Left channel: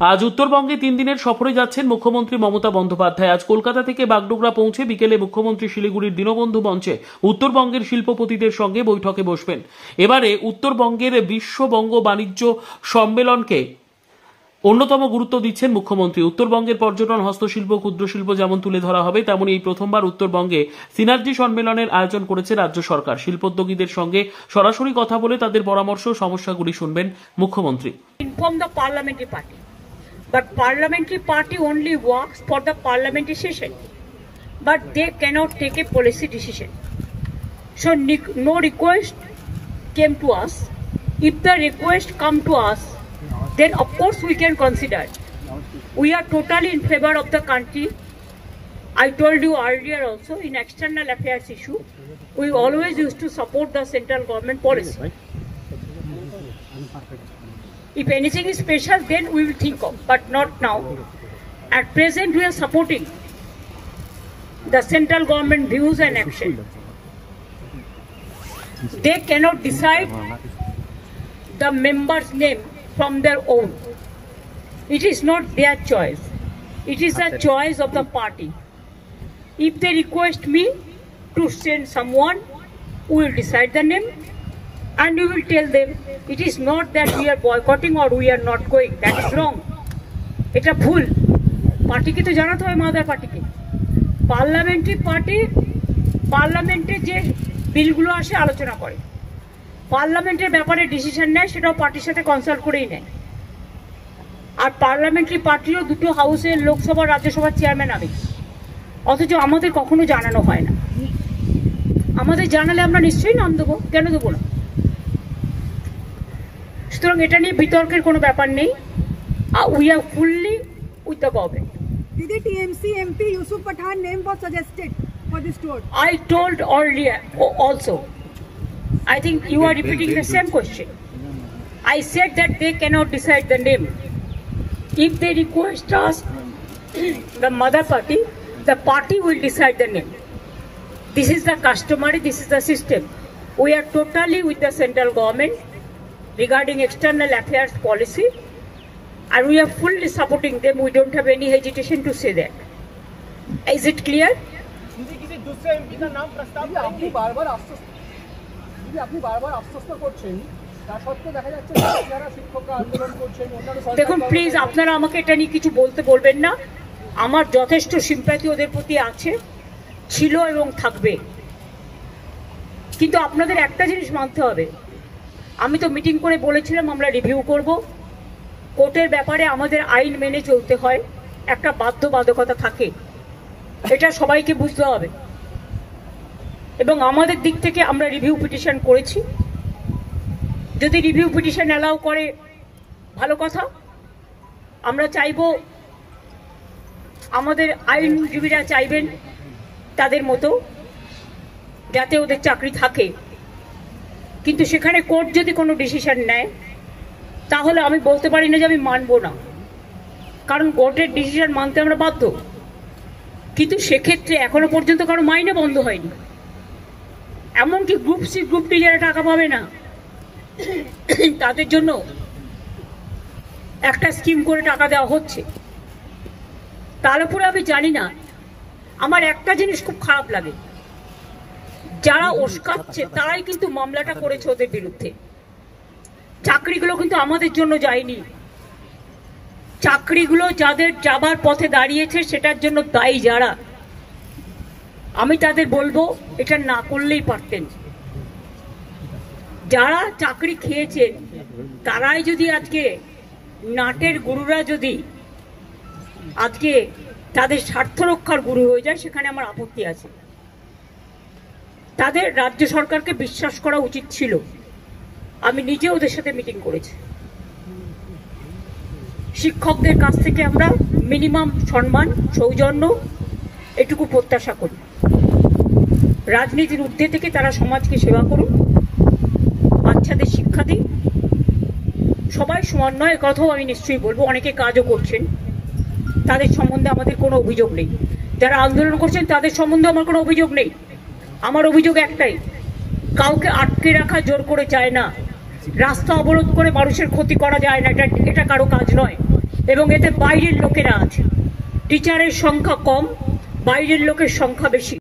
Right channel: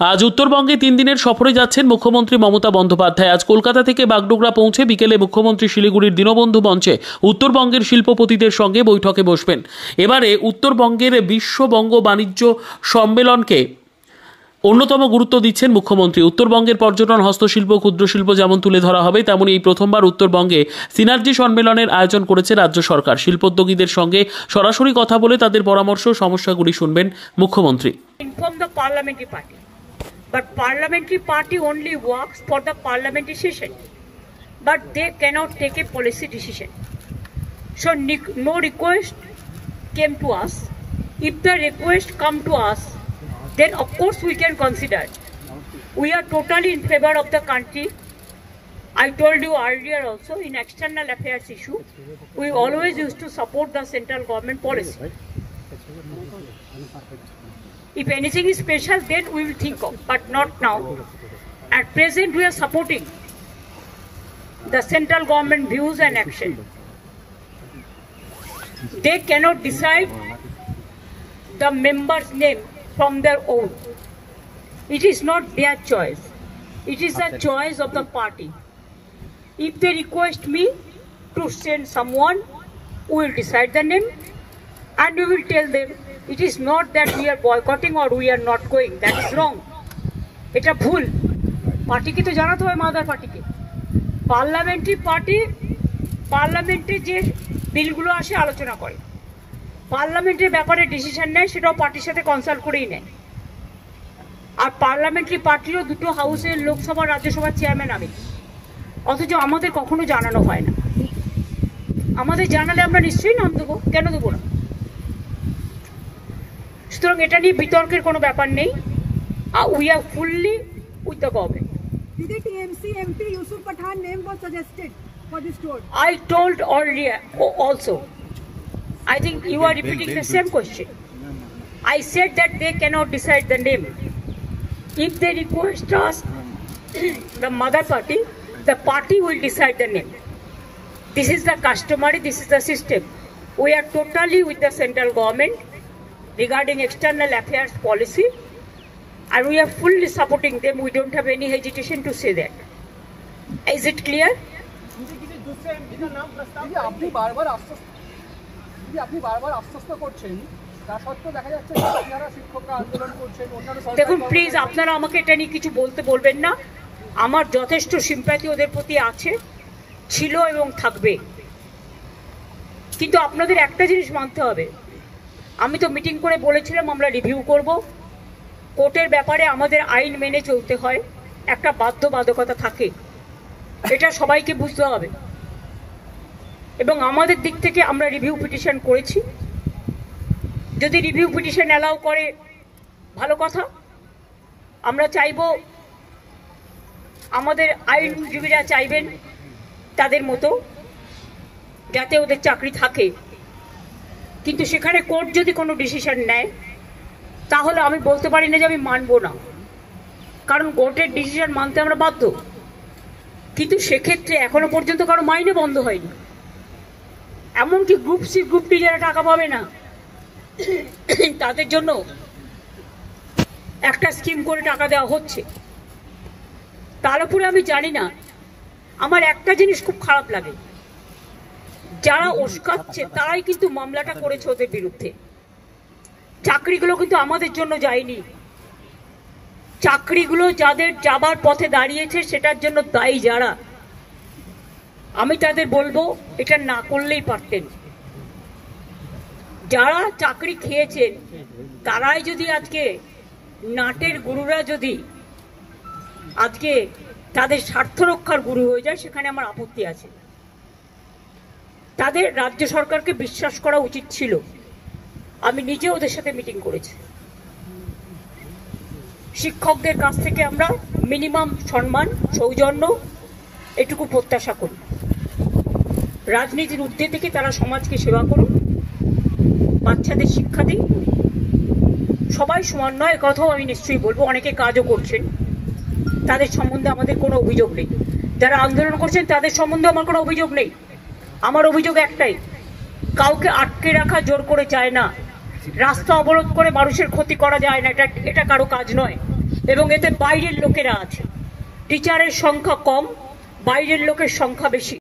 আজ উত্তরবঙ্গে 3 দিনের সফরে যাচ্ছেন মুখ্যমন্ত্রী মমতা বন্দ্যোপাধ্যায়। আজ কলকাতা থেকে বাগডোগরা পৌঁছে বিকেলে মুখ্যমন্ত্রী শিলিগুড়ির দীনবন্ধু মঞ্চে উত্তরবঙ্গের শিল্পপতিদের সঙ্গে বৈঠকে বসবেন। এবারে উত্তরবঙ্গের বিশ্ববঙ্গ বাণিজ্য সম্মেলনকে অন্যতম গুরুত্ব দিচ্ছেন মুখ্যমন্ত্রী। উত্তরবঙ্গের পর্যটন, হস্তশিল্প, ক্ষুদ্রশিল্প যেমন তুলে ধরা হবে, তেমনি এই প্রথমবার উত্তরবঙ্গে সিনার্জি সম্মেলনের আয়োজন করেছে রাজ্য সরকার। শিল্পোদ্যোগীদের সঙ্গে সরাসরি কথা বলে তাদের পরামর্শ ও সমস্যাগুলি শুনবেন মুখ্যমন্ত্রী। But parliamentary party only works for the parliamentary session, but they cannot take a policy decision. So no request came to us. If the request come to us, then of course we can consider. We are totally in favor of the country. I told you earlier also, in external affairs issue, we always used to support the central government policy. If anything is special, then we will think of, but not now. At present, we are supporting the central government views and action. They cannot decide the member's name from their own. It is not their choice. It is the choice of the party. If they request me to send someone, we will decide the name. And we will tell them, it is not that we are boycotting or we are not going. That is wrong. It's a ভুল। পার্টিকে তো জানাতে হয়, mother পার্টিকে। পার্লামেন্টে যে বিলগুলো আসে আলোচনা করে, পার্লামেন্টের ব্যাপারে ডিসিশন নেয়, সেটাও পার্টির সাথে কনসাল্ট করেই নেয়। আর পার্লামেন্টারি পার্টিরও দুটো হাউসের, লোকসভা রাজ্যসভার চেয়ারম্যান আবে, অথচ আমাদের কখনো জানানো হয় না। আমাদের জানালে আমরা নিশ্চয়ই নাম দেবো, কেন দেবো না? সুতরাং এটা নিয়ে বিতর্কের কোনো ব্যাপার নেই। We are fully with the government. Did the TMC MP Yusuf Pathan name was suggested for this tour? I told earlier also. I think you are repeating the same question. I said that they cannot decide the name. If they request us, the mother party, the party will decide the name. This is the customary, this is the system. We are totally with the central government regarding external affairs policy, and we are fully supporting them. We don't have any hesitation to say that. Is it clear? দেখুন please, আপনারা আমাকে এটা নিয়ে কিছু বলতে বলবেন না। আমার যথেষ্ট সিম্প্যাথি ওদের প্রতি আছে, ছিল এবং থাকবে। কিন্তু আপনাদের একটা জিনিস মানতে হবে, আমি তো মিটিং করে বলেছিলাম আমরা রিভিউ করব। কোর্টের ব্যাপারে আমাদের আইন মেনে চলতে হয়, একটা বাধ্যবাধকতা থাকে, এটা সবাইকে বুঝতে হবে। এবং আমাদের দিক থেকে আমরা রিভিউ পিটিশন করেছি। যদি রিভিউ পিটিশন অ্যালাউ করে ভালো কথা। আমরা চাইব, আমাদের আইনজীবীরা চাইবেন তাদের মতো যাতে ওদের চাকরি থাকে। কিন্তু সেখানে কোর্ট যদি কোনো ডিসিশন নেয়, তাহলে আমি বলতে পারি না যে আমি মানব না, কারণ কোর্টের ডিসিশন মানতে আমরা বাধ্য। কিন্তু সেক্ষেত্রে এখনো পর্যন্ত কারো মাইনে বন্ধ হয়নি। এমনকি গ্রুপ সি, গ্রুপ ডি যারা টাকা পাবে না, তাদের জন্য একটা স্কিম করে টাকা দেওয়া হচ্ছে। তার উপরে আমি জানি না, আমার একটা জিনিস খুব খারাপ লাগে, যারা ওস্কাচ্ছে তারাই কিন্তু মামলাটা করেছে ওদের বিরুদ্ধে। চাকরিগুলো কিন্তু আমাদের জন্য যায়নি। চাকরিগুলো যাদের যাবার পথে দাঁড়িয়েছে সেটার জন্য দায়ী যারা, আমি তাদের বলবো এটা না করলেই পারতেন। যারা চাকরি খেয়েছেন তারাই যদি আজকে, নাটের গুরুরা যদি আজকে তাদের স্বার্থ রক্ষার গুরু হয়ে যায়, সেখানে আমার আপত্তি আছে। তাদের রাজ্য সরকারকে বিশ্বাস করা উচিত ছিল। আমি নিজে ওদের সাথে মিটিং করেছি। শিক্ষকদের কাছ থেকে আমরা মিনিমাম সম্মান, সৌজন্য এটুকু প্রত্যাশা করি। রাজনীতির ঊর্ধ্বে থেকে তারা সমাজকে সেবা করুন, বাচ্চাদের শিক্ষা দিন। সবাই সমান নয়, কথাও আমি নিশ্চয়ই বলবো। অনেকে কাজও করছেন, তাদের সম্বন্ধে আমাদের কোনো অভিযোগ নেই। যারা আন্দোলন করছেন তাদের সম্বন্ধে আমার কোনো অভিযোগ নেই। আমার অভিযোগ একটাই, কাউকে আটকে রাখা জোর করে চায় না, রাস্তা অবরোধ করে মানুষের ক্ষতি করা যায় না, এটা কারো কাজ নয়। এবং এতে বাইরের লোকেরা আছে। টিচারের সংখ্যা কম, বাইরের লোকের সংখ্যা বেশি।